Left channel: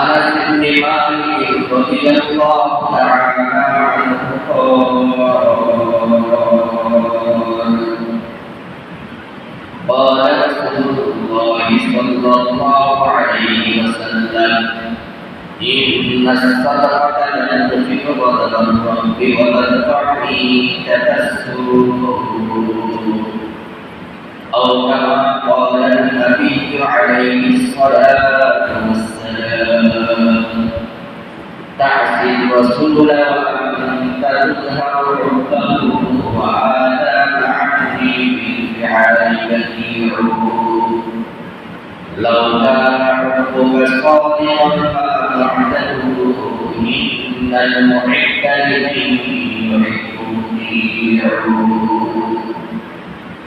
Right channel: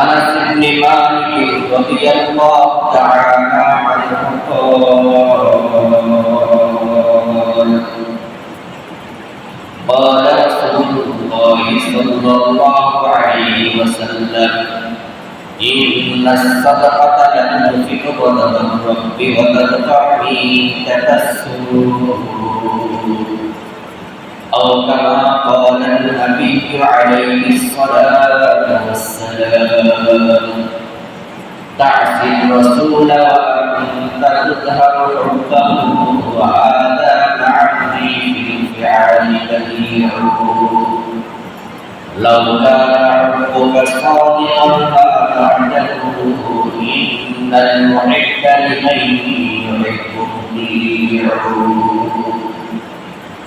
أنس بن مالك رضي الله تعالى عنه قال قال رسول الله صلى الله عليه وسلم إن الصدقة لتنفق غضب الرب وتدفع عيدة السوء أو كما قال النبي عليه الصلاة والسلام تعصي الرسول وأنت تظهر حبه وآذان عبدي في الفعال بديعه لو كان حبك صادقا فأطعته إن المحب لمن يحب مطيع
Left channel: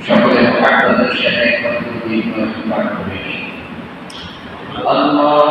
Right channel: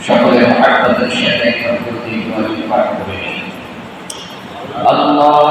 সকলের মহাব্বতের সাথে প্রকৃতি পাঠ করে اللهم صل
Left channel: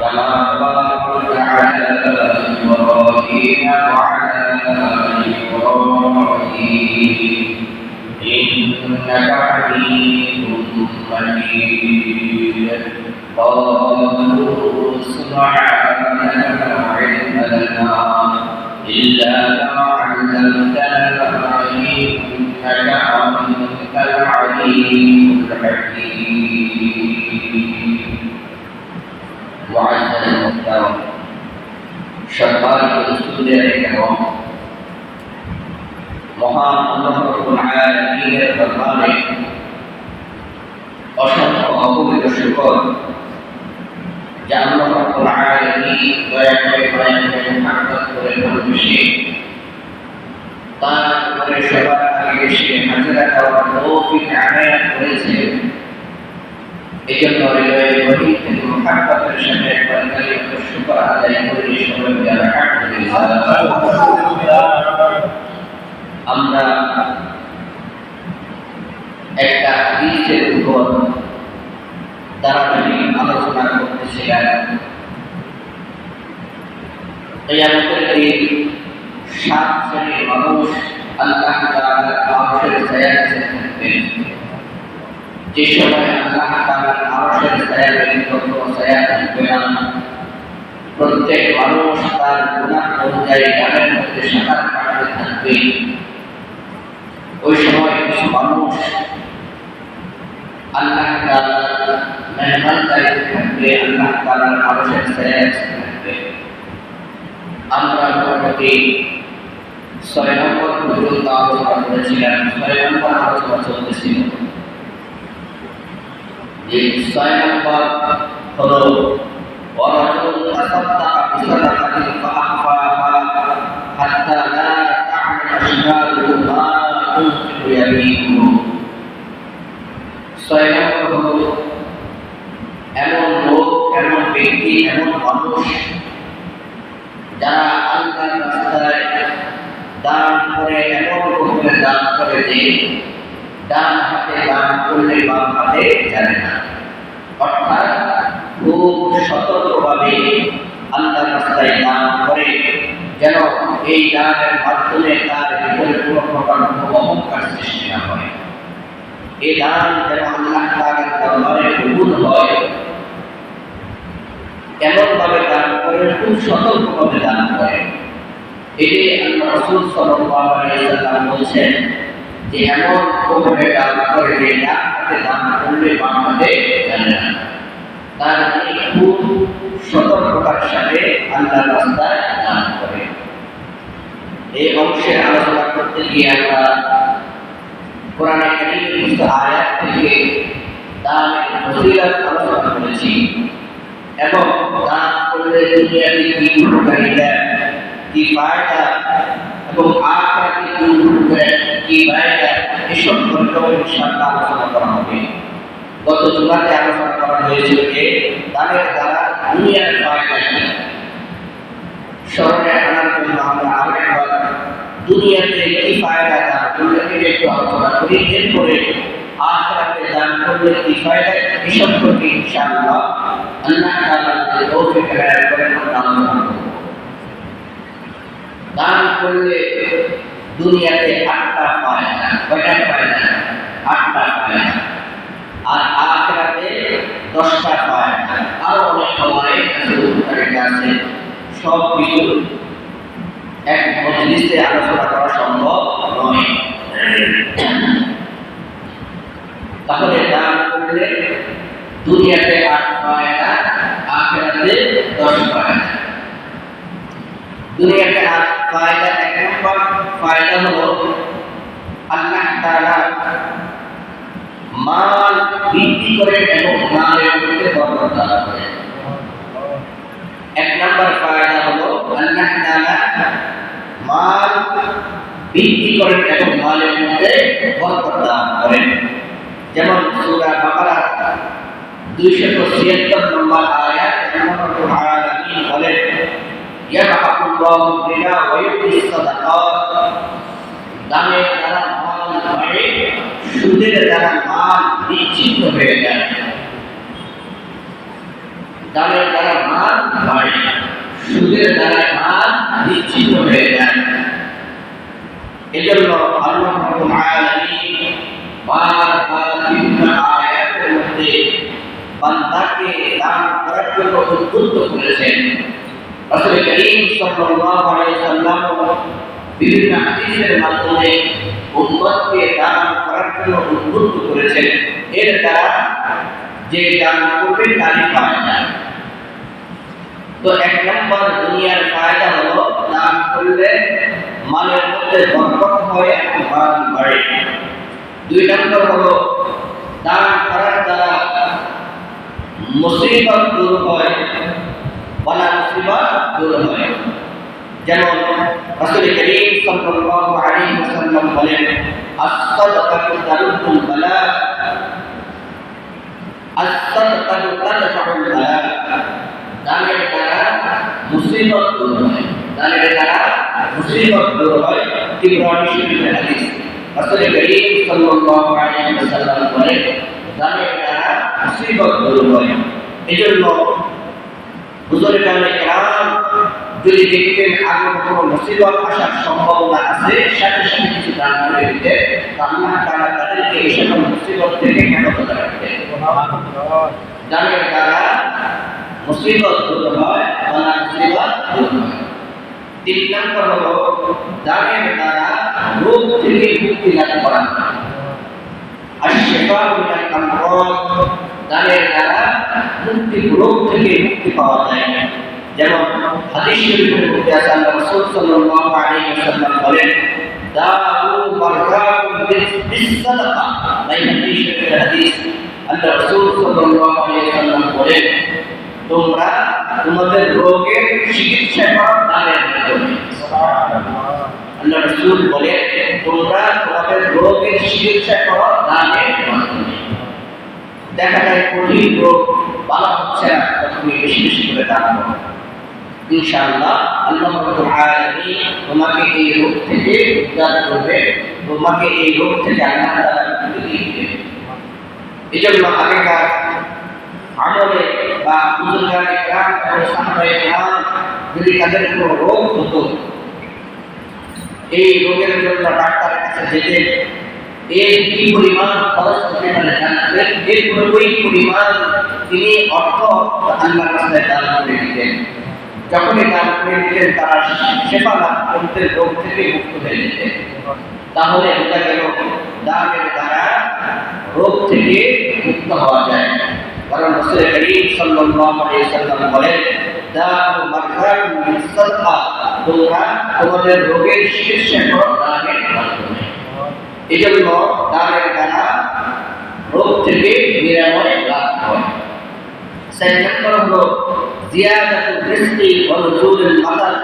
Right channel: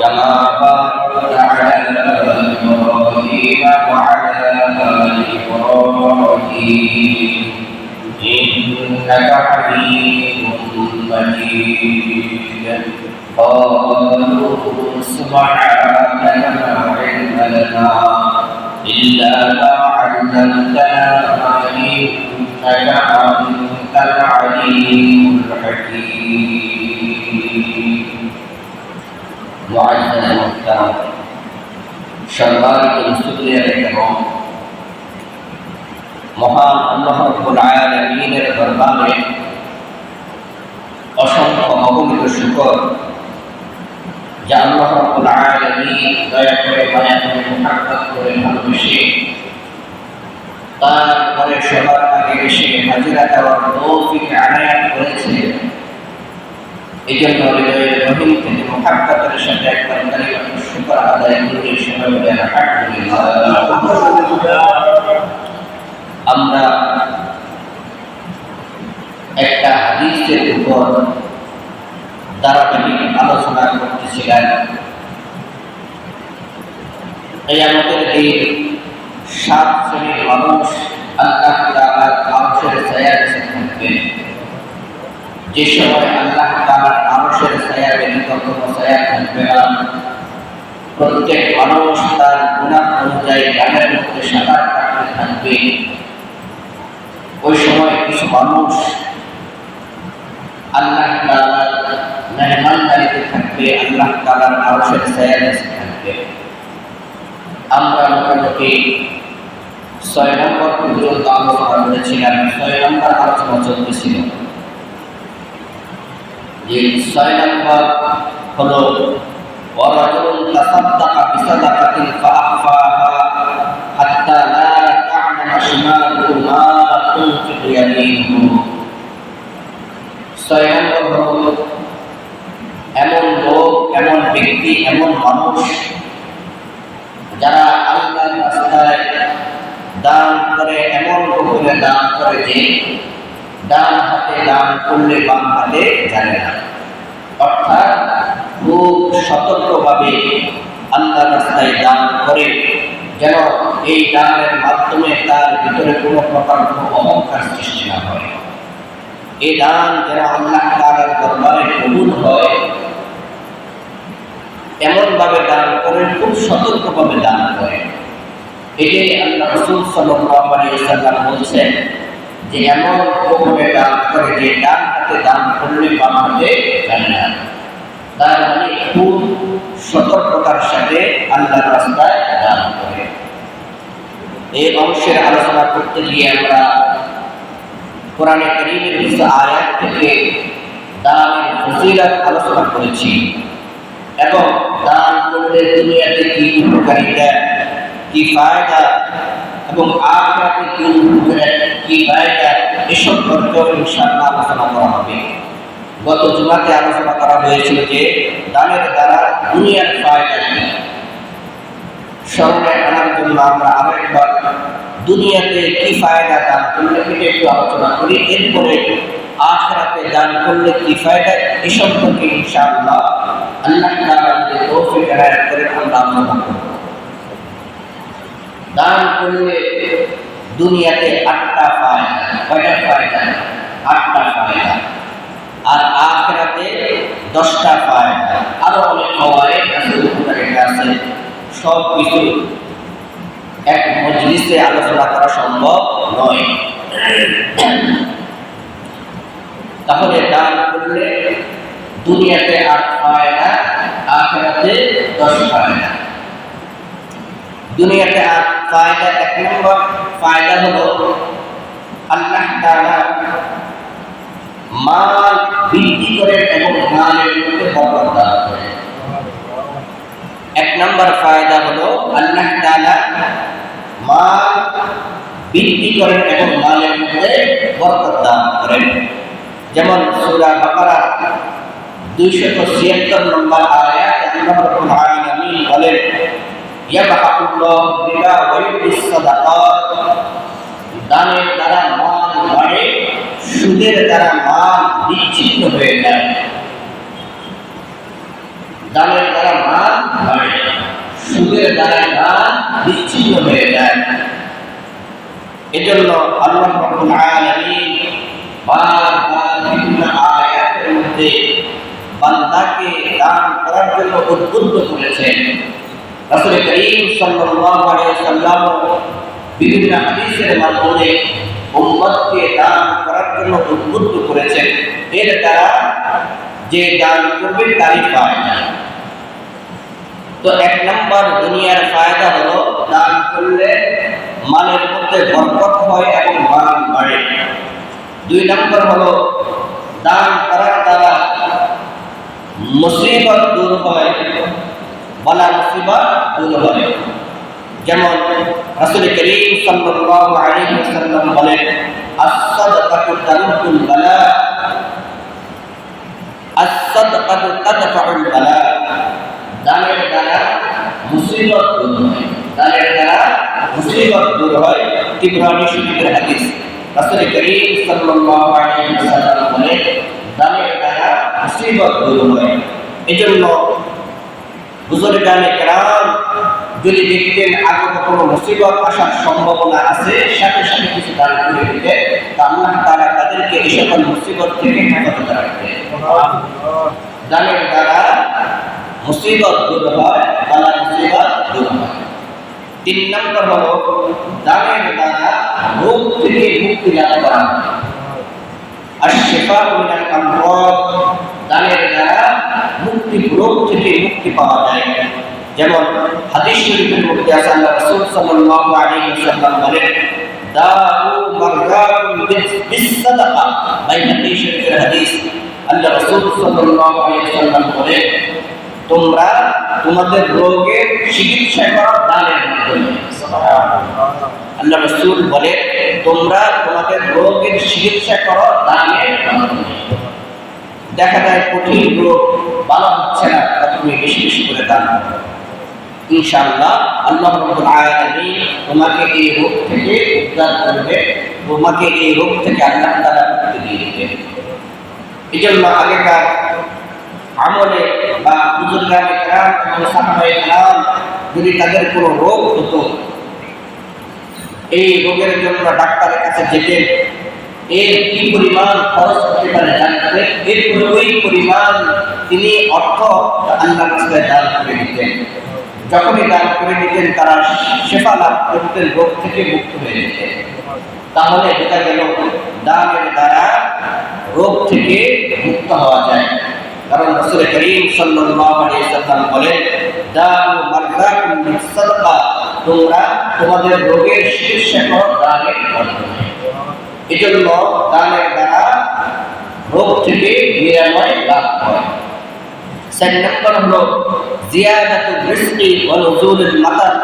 كما باركت على إبراهيم وعلى آل إبراهيم. إنك حميد مجيد. قالوا سبحانك لا علم لنا إلا ما علمتنا إنك أنت العليم الحكيم. معزز المحترم সম্মানিত রসুলের এবং মহান আল্লাহ রব্বুল আলামিনের দরবারে অসংখ্য অগণিত শুকর যা আল্লাহ রব্বুল আলামিন দয়া করে মায়া করে মুহাব্বত করে ভালোবেসে তার ঘরে সবার আগে এসে হাজিরা দেওয়ার তৌফিক আনায়াত করেছে এই জন্য আমরা একটা হাদিসের উপর ধারাবাহিক আলোচনা করতেছিলেন কিয়ামতের দিন সাত শ্রেণির মানুষ আল্লাহ তাআলার আরশের ছায়ার নিচে থাকবে যে সময় আল্লাহ তাআলার আরশের ছায়া ব্যতীত ছায়া থাকবে না। প্রত্যেক মানুষ তার গুনাহ অনুযায়ী গানের মধ্যে সাঁতার কাটতে থাকবে। ওই সময় কিছু মানুষ আল্লাহ তাআলার মেহমানদারিতে থাকবে, আল্লাহ আরশের ছায়ার নিচে থাকবে। আমরা মোটামুটি ছয় নম্বর পর্যন্ত আলোচনা করেছিলাম, ছয় নম্বর আলোচনা চলতেছিল। যে ছয় নম্বর হলো ورجل تصدق بصدقة فأخفاها حتى لا تعلم شماله ما تنفق يمينه ছয় নম্বর হলো এমন লোক এমন ব্যক্তি এমন মানুষ যারা আল্লাহর রাস্তায় দান করে এমন রকমের দান করে যে ডান হাতে দান করলে বাম হাতে জানে না অর্থাৎ খুব সতর্কভাবে আল্লাহ রাস্তায় দান করে, যেন এই দানের মাধ্যমে তার ভিতরে কোনো প্রকার কোনো অহংকার সৃষ্টি না হয়। এই দান যেন আল্লাহ তাআলার দরবারে কবুল হয়, এমনভাবে দান করে, খুব সতর্কভাবে দান করে। এটাই আল্লাহ রসুল সাল্লাম বলছেন যে এমন ভাবে দান করে যে ডান হাতে দান করলে বাম হাতে না। তার মানে খুব সতর্কতার সাথে আল্লাহর রাস্তায় দান করে। এই অংশের আলোচনা করতে গিয়ে আমরা কোরআনে কারীমের কিছু আয়াত থেকে দানের ফজিলত আলোচনা করেছি এবং দান করলে দুনিয়াতে কি উপকারিতা, কি ফায়দা এবং আখরাতে কি উপকারিতা কি ফায়দা এসব বিষয়েও ইনশাআল্লাহ আলোচনা করা হবে। গত জুমাতে আলোচনা করা হয়েছিল যে, দানের দ্বারা দুনিয়ার ফায়দা কি? স্মরণে আনার জন্য আমরা আরেকবার দুনিয়াতে কি ফায়দা দান করলে এটা একটু আলোচনা করি। এরপরে আখরাতে দান করলে কি ফায়দা এ সম্পর্কে ইনশাআল্লাহ আল্লাহ তাআলা যদি তৌফিক করে আমরা আলোচনা করব। দান করলে দুনিয়াতে আটটা ফায়দা, কয়টা ফায়দা? আটটা ফায়দা। আর আখরাতে দশটা ফায়দা। আরও অনেক হওয়ায় আছে, উপকারিতা আছে। সব কিছু এক মজলিসে আলোচনা করা সম্ভব নয়। তাহলে দান করলে দুনিয়াতে আট ফায়দা, আখেরাতে দশ ফায়দা। দুনিয়াতে আট ফায়দা এক নম্বর, ফায়দা হলো আল্লাহ তাআলা মাল বৃদ্ধি করে এবং মালের মধ্যে বরকত দান করে। এক নম্বর ফায়দা হলো আল্লাহ তাআলা মাল বৃদ্ধি করেন এবং মালের মধ্যে বরকত দান করেন যেমন সূরা বাকারা 276 নম্বর আয়াত আল্লাহ রাব্বুল আলামিন বলেন ইয়াবহাকুল্লাহু বিলা ওয়া ইউবিস সাদাকাত। দানের দ্বারা মাল সুদের দ্বারা মাল বিচ্ছিন্ন হয়ে যায়। দানের দ্বারা মাল বাড়ে, সুদের দ্বারা মাল বিচ্ছিন্ন হয়ে এজন্য আল্লাহ রাব্বুল আলামিন দান করার জন্য উদ্বুদ্ধ করেছেন। রাসূল করিম সাল্লাল্লাহু আলাইহি সাল্লাম বিভিন্ন হাদিসের মাধ্যমে উম্মতকে দান করার জন্য উদ্বুদ্ধ করেছেন। এর দ্বারা যে দান করবে তারই ফায়দা। তো এক নম্বর দুনিয়ার ফায়দা হলো দান করলে মালের মধ্যে বরকত হয় এবং মাল বাড়ে। দুই নম্বর হলো দান করার দ্বারা মুসিবত দূর হয়। বলা মুসিবত দূর হয় যেমন রাসূল করিম সাল্লাল্লাহু আলাইহি ওয়াসাল্লাম বলেন as-sadaqatu tarudul bala as-sadaqatu tadfa'ul bala দানের হয়। দানের দ্বারা মুসিবত দূর হয়। তিবরানি শরীফের হাদিস। রাসূল করিম সাল্লাল্লাহু আলাইহি ওয়াসাল্লাম বলেন এজন্য বুজুর্গানে কেরাম, যদি দেখতেন আগত কোনো মুসিবত আসার সম্ভাবনা আছে, সাথে সাথে কিছু দান করে দিতে আল্লাহ তাআলা তাদেরকে এই সকল মুসিবত থেকে হেফাজত রাখবে দানের দ্বারা মুসিবত দূর হয় বালা মুসিবত দূর হয়। তিন নম্বর হলো দানের দ্বারা রোগ থেকে মুক্তি লাভ করা। আর শেফা দানের দ্বারা মুক্তি রোগ থেকে মুক্তি পাওয়া যায়। যেমন হাদিস শরীফের মধ্যে আছে আল্লাহ রাসূল সাল্লাল্লাহু আলাইহি ওয়াসাল্লাম বলেন দাউ মারজাকুম বিসসাদাকা। হাদিস শরীফের হাদিস আল্লাহ রাসূল সাল্লাল্লাহু আলাইহি ওয়াসাল্লাম বলেন তোমরা তোমাদের রোগের চিকিৎসা করো দানের মাধ্যমে। আল্লাহ রাসূল বলে তোমরা তোমাদের রোগের চিকিৎসা করো দানের মাধ্যমে। দেখা যায় কঠিন রোগ ভালো হচ্ছে না তা তুমি বেশি বেশি করে দান করো। ইনশাআল্লাহ আল্লাহ তোমাকে এই রোগ থেকে উদ্ধার করবে, তোমাকে এই রোগ থেকে আল্লাহ তাআলা মুক্তি দিয়ে দিবে এই জন্য আগেকার আমলে বা এবং যদি তাদের কোনো রোগ হতো, এই রোগের জন্য ডাক্তারের কাছে যেতেন এর কি পরিমাণ খরচ হতে পারে জানতেন এরপরে ওই পরিমাণ তিনি অর্থ আল্লাহ রাস্তায় দান করে দিতেন। যখনই দান করে দিতেন, তারা সেবা লাভ করতেন, রোগ থেকে মুক্ত হয়ে যেতেন। তাহলে বোঝা গেল, দানের দ্বারা রোগ থেকে মুক্ত হওয়া যায়। কারণ রাসূল করিম সাল্লাল্লাহু আলাইহি সাল্লাম বলেন দাউ মারজাকুম বিসাদকা তোমরা তোমাদের রোগের করো দানের মাধ্যমে এজন্য দানের দ্বারা রোগ থেকে নিরাময় লাভ হয়। চার নম্বর হলো জিয়াদাতু রিজকি ওয়া নুজুলুল মাতার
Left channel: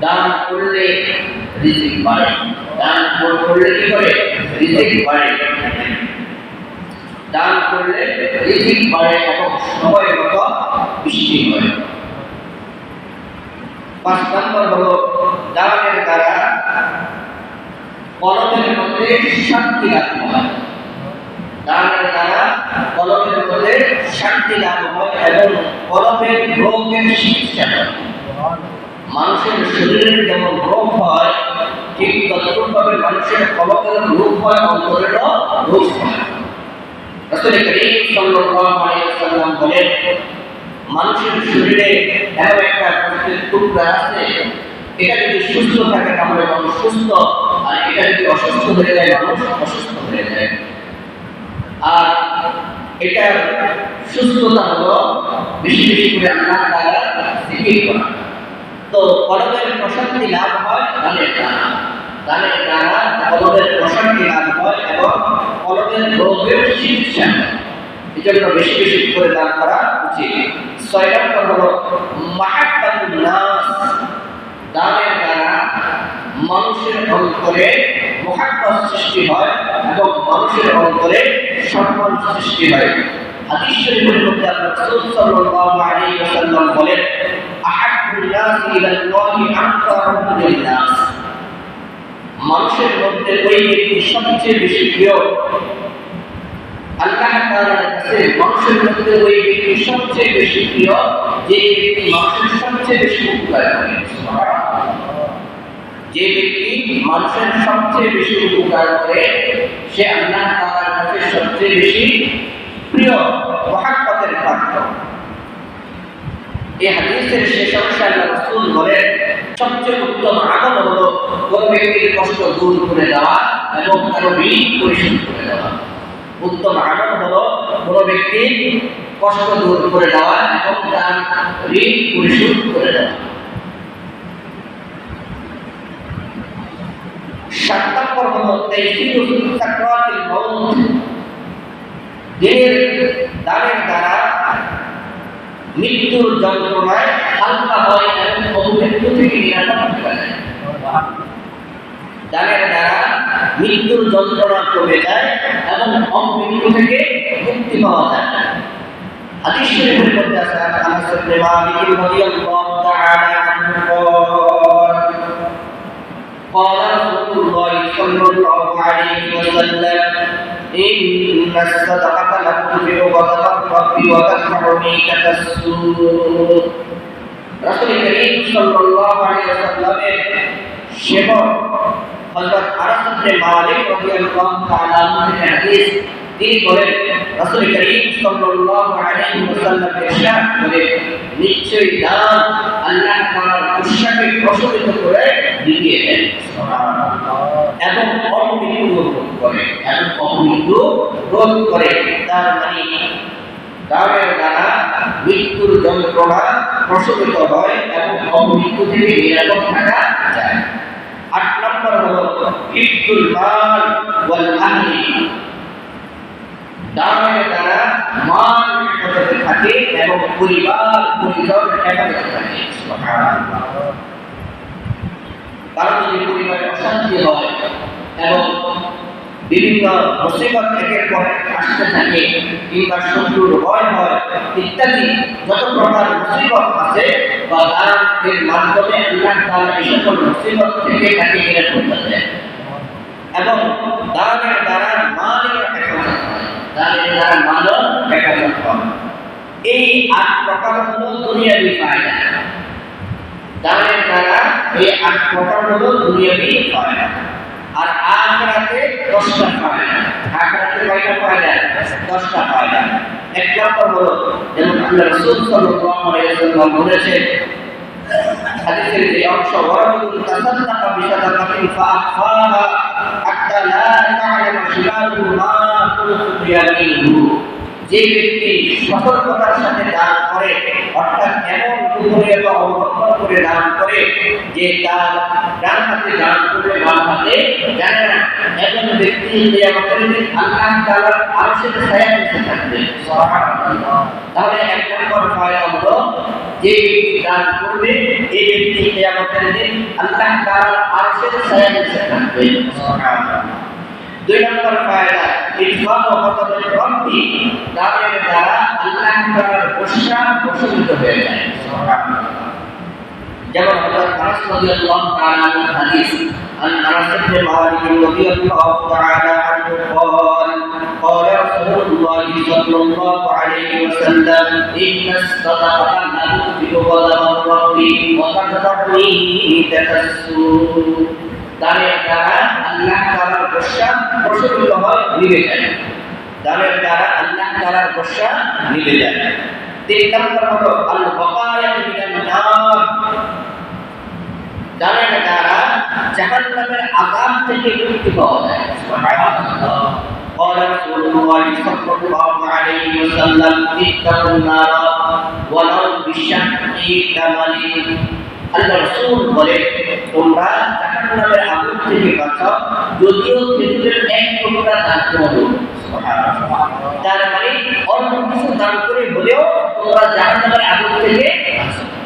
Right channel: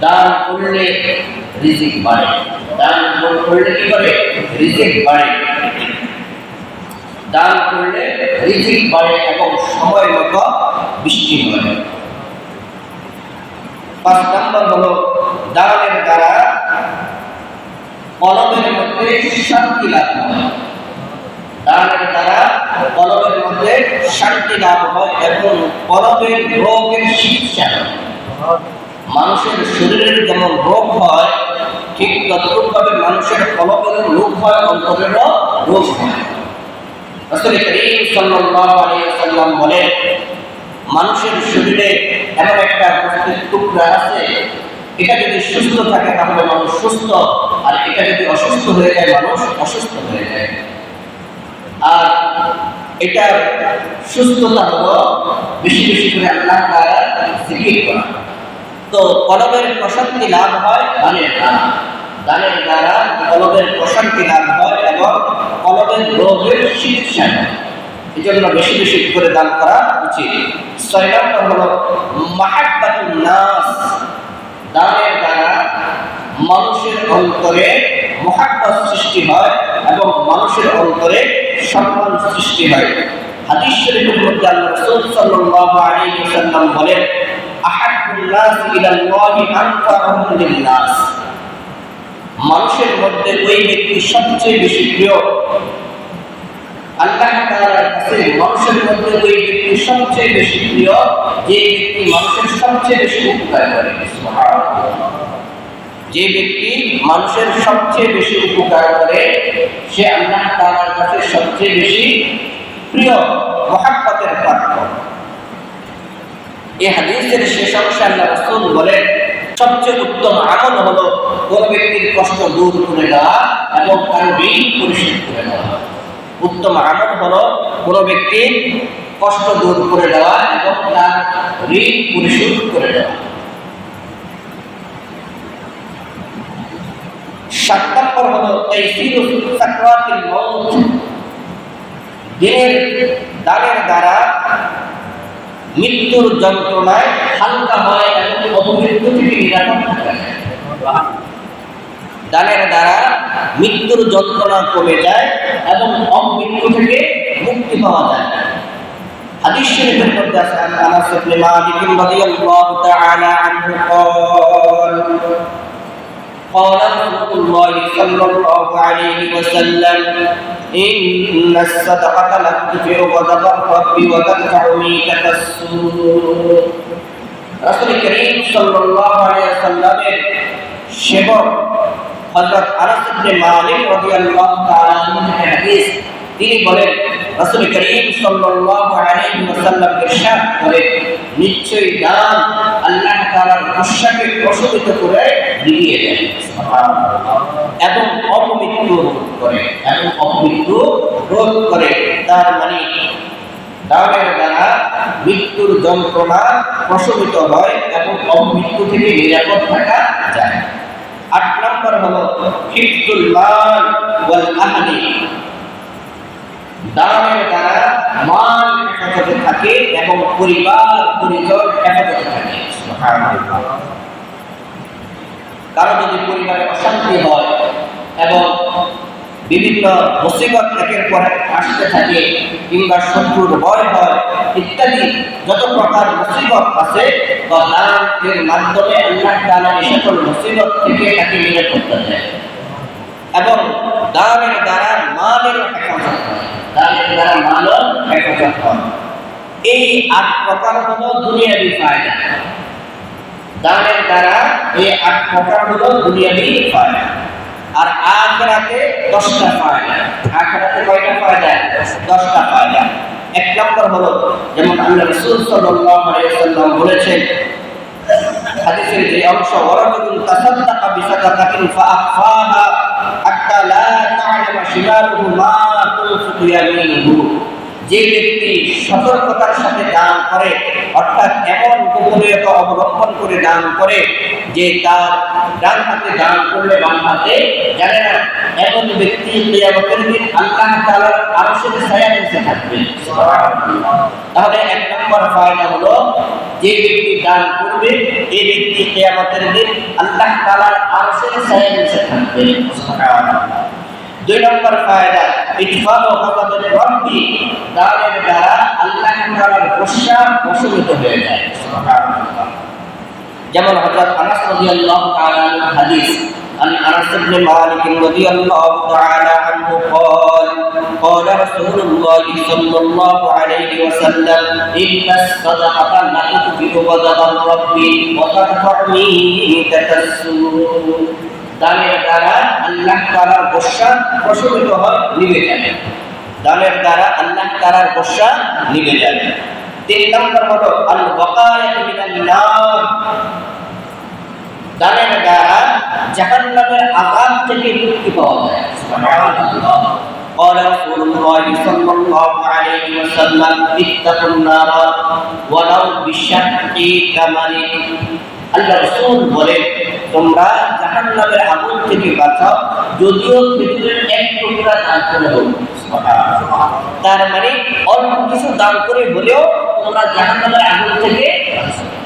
দান করলে রিজিক বাড়ে। দান করলে কি করে? রিজিক বাড়ে। দান করলে রিজিক বাড়ে এবং সময় মতো বৃষ্টি হয়। পাঁচ নম্বর হলো দানের দ্বারা কলমের মধ্যে শান্তি লাভ হয়। দানের দ্বারা কলমের মধ্যে শান্তি লাভ হয় এবং কলমের রোগের চিকিৎসা হয়। মানুষের শরীরের যেমন রোগ হয়, ঠিক তদ্রুপভাবে মানুষের কলমের রোগ হয়, অন্তরেরও রোগ হয়। রাসূল করিম সাল্লাল্লাহু আলাইহি ওয়াসাল্লাম বলেন, মানুষের শরীরে এমন একটা গোস্তের টুকরা আছে এটা যদি সুস্থ থাকে তাহলে মানুষ সুস্থ, আর এটা যদি অসুস্থ হয়ে যায়, মানুষ অসুস্থ হয়ে যায়। আর এটার সুস্থতা হলো বেশি বেশি করে আল্লাহ দ্বারা করা। তো কলবের প্রশান্তি লাভ হয় দানের দ্বারা। দানের দ্বারা কলবের প্রশান্তি লাভ হয় এবং কলবের রোগের চিকিৎসা হয়। এই জন্য বেশি বেশি করে দান করা উচিত। ছয় নম্বর হলো মাহাব্বাতুন নাস। দানের দ্বারা মানুষের অন্তরে মহাব্বত সৃষ্টি হয় এবং মানুষের অন্তরে সম্মান সৃষ্টি হয়। হাদিস শরীফের মধ্যে আল্লাহ রাসূল সাল্লাল্লাহু আলাইহি ওয়াসাল্লাম বলেন আহাব্বুন নাস ইলাল্লাহি আনফাউহুম লিন-নাস। মানুষের মধ্যে ওই ব্যক্তি সবচেয়ে বেশি প্রিয়। আল্লাহ তাআলার কাছে মানুষের মধ্যে ওই ব্যক্তি সবচেয়ে বেশি প্রিয়, যে ব্যক্তি মানুষের সবচেয়ে বেশি উপকার করে। যে ব্যক্তি মানুষের সবচেয়ে বেশি উপকার করে, সে আল্লাহ তাআলার কাছে সবচেয়ে বেশি প্রিয়, মহাব্বতের পাত্র এই হাদিসের শেষ অংশে আল্লাহ রাসূল বলেন, সবচেয়ে উত্তম আমল হলো কোন ব্যক্তির কষ্ট দূর করে দেওয়া এবং কারও ঋণ পরিশোধ করে দেওয়া। উত্তম আমল হলো কোন ব্যক্তির কষ্ট দূর করে দেওয়া এবং তার ঋণ পরিশোধ করে দেওয়া। সাত নম্বর হলো দ্বারা মৃত্যুর যন্ত্রণায় হালকা হয় এবং অপমৃত্যু থেকে নিরাপদ দানের দ্বারা মৃত্যুর যন্ত্রণা কমে যায় এবং অমৃত্যু থেকে মুক্তি পাওয়া যায়। হাদিস শরীফের মধ্যে আছে আনাস ইবনে মালিক রাদিয়াল্লাহু তাআলা আনহু قال رسول الله صلى الله عليه وسلم إن الصدقة لا تنفع غضب الرب وتدفع ميتة السوء رسول كريم صلى الله عليه وسلم شبر حضرت أنس بن مالك رضي الله تعالى عنه حديث তিনি বলেন, রাসূল করিম সাল্লাল্লাহু আলাইহি ওয়াসাল্লাম ইরশাদ করেন নিশ্চয়ই দান আল্লাহ তাআলার গুসাকে প্রশমিত করে দিয়ে দেন। এবং অপমৃত্যু রোধ করে, এবং অপমৃত্যু রোধ করে, তার মানে দানের দ্বারা মৃত্যুর যন্ত্রণা প্রশমিত হয় এবং অপমৃত্যু থেকে নিরাপদ থাকা যায়। আট নম্বর হলো হিফতুল মাল ওয়াল আহলি। দানের দ্বারা মাল হেফাজতে থাকে এবং পরিবার, পরিজন হেফাজতে থাকে। যদি পরিবারে অশান্তি হয় এবং বিভিন্ন মুসিবত একের পর আসতে থাকে, কিংবা শত্রুর ভয় হয়, ইত্যাদি যত প্রকার মুসিবত আছে, বা দান এর মাধ্যমে আল্লাহ তাআলা এই সকল মুসিবত থেকে তাকে নিরাপত্তা দেয়। এবং দানের দ্বারা মালের দানের দ্বারা মালও হেফাজত হয় এই আট প্রকার হলো দুনিয়াবি ফায়দা। দানের দ্বারা এই আট প্রকার হলো দুনিয়াবি ফায়দা। আর আখরাতে দশটা ফায়দা। আখরাতে কয়টা ফায়দা? দশটা ফায়দা। এক নম্বর হলো, যেমন আল্লাহ রাসূল সাল্লাল্লাহু আলাইহি ওয়াসাল্লাম বলেছেন, হাদিসের যে অংশ ওয়ারাজুল তাসাদ্দাকা বিসাদাকাতিন ফাআখফাহা। হাত্তা যে ব্যক্তি সতর্কতার সাথে দান করে, অর্থাৎ এমন গোপনীয়তা অবলম্বন করে দান করে যে তার ডান হাতে দান করলে বাম হাতে, জানে না, এমন ব্যক্তি কিয়ামতের দিন আল্লাহ তাআলার আরশের ছায়া নিচে থাকবে। তাহলে এক নম্বর ফায়দা হলো যে ব্যক্তি দান করবে এই ব্যক্তি কিয়ামতের দিন আল্লাহ তাআলার আরশের ছায়া নিচে থাকবে দুই নম্বর ফায়দা ইতফাক ও গাদাবের রব্বি দানের দ্বারা আল্লাহ তাআলার গোসা বশীভূত হয়ে যায় সুবহানাল্লাহ যেমন হযরত আনাস রাদিয়াল্লাহু তাআলা আনহু হাদিস عن انس بن مالك رضي الله تعالى عنه قال قال رسول الله صلى الله عليه وسلم ان الصدقه لا تطفئ غضب الرب وترفع ميتة السوء দানের দ্বারা আল্লাহ তাআলার গোসা প্রশমিত হয় নিভে যায় দানের দ্বারা আল্লাহ তাআলার গোসা নিভে যায় তিন নম্বর হলো আল ওয়াকায়াত মিনান নার দানের দ্বারা জাহান্নামের আযাব থেকে মুক্তি পাওয়া যায় সুবহানাল্লাহ قال رسول الله صلى الله عليه وسلم اتقوا النار ولو بشق تمر আল্লাহ রাসূল বলে তোমরা জাহান্নামের আগুন থেকে বাঁচাও যদিও খেজুরের এক টুকরা দান করে দেবো তার মানে অল্প কিছু দান করে হলেও তোমরা জাহান্নামের আগুন থেকে বাঁচাও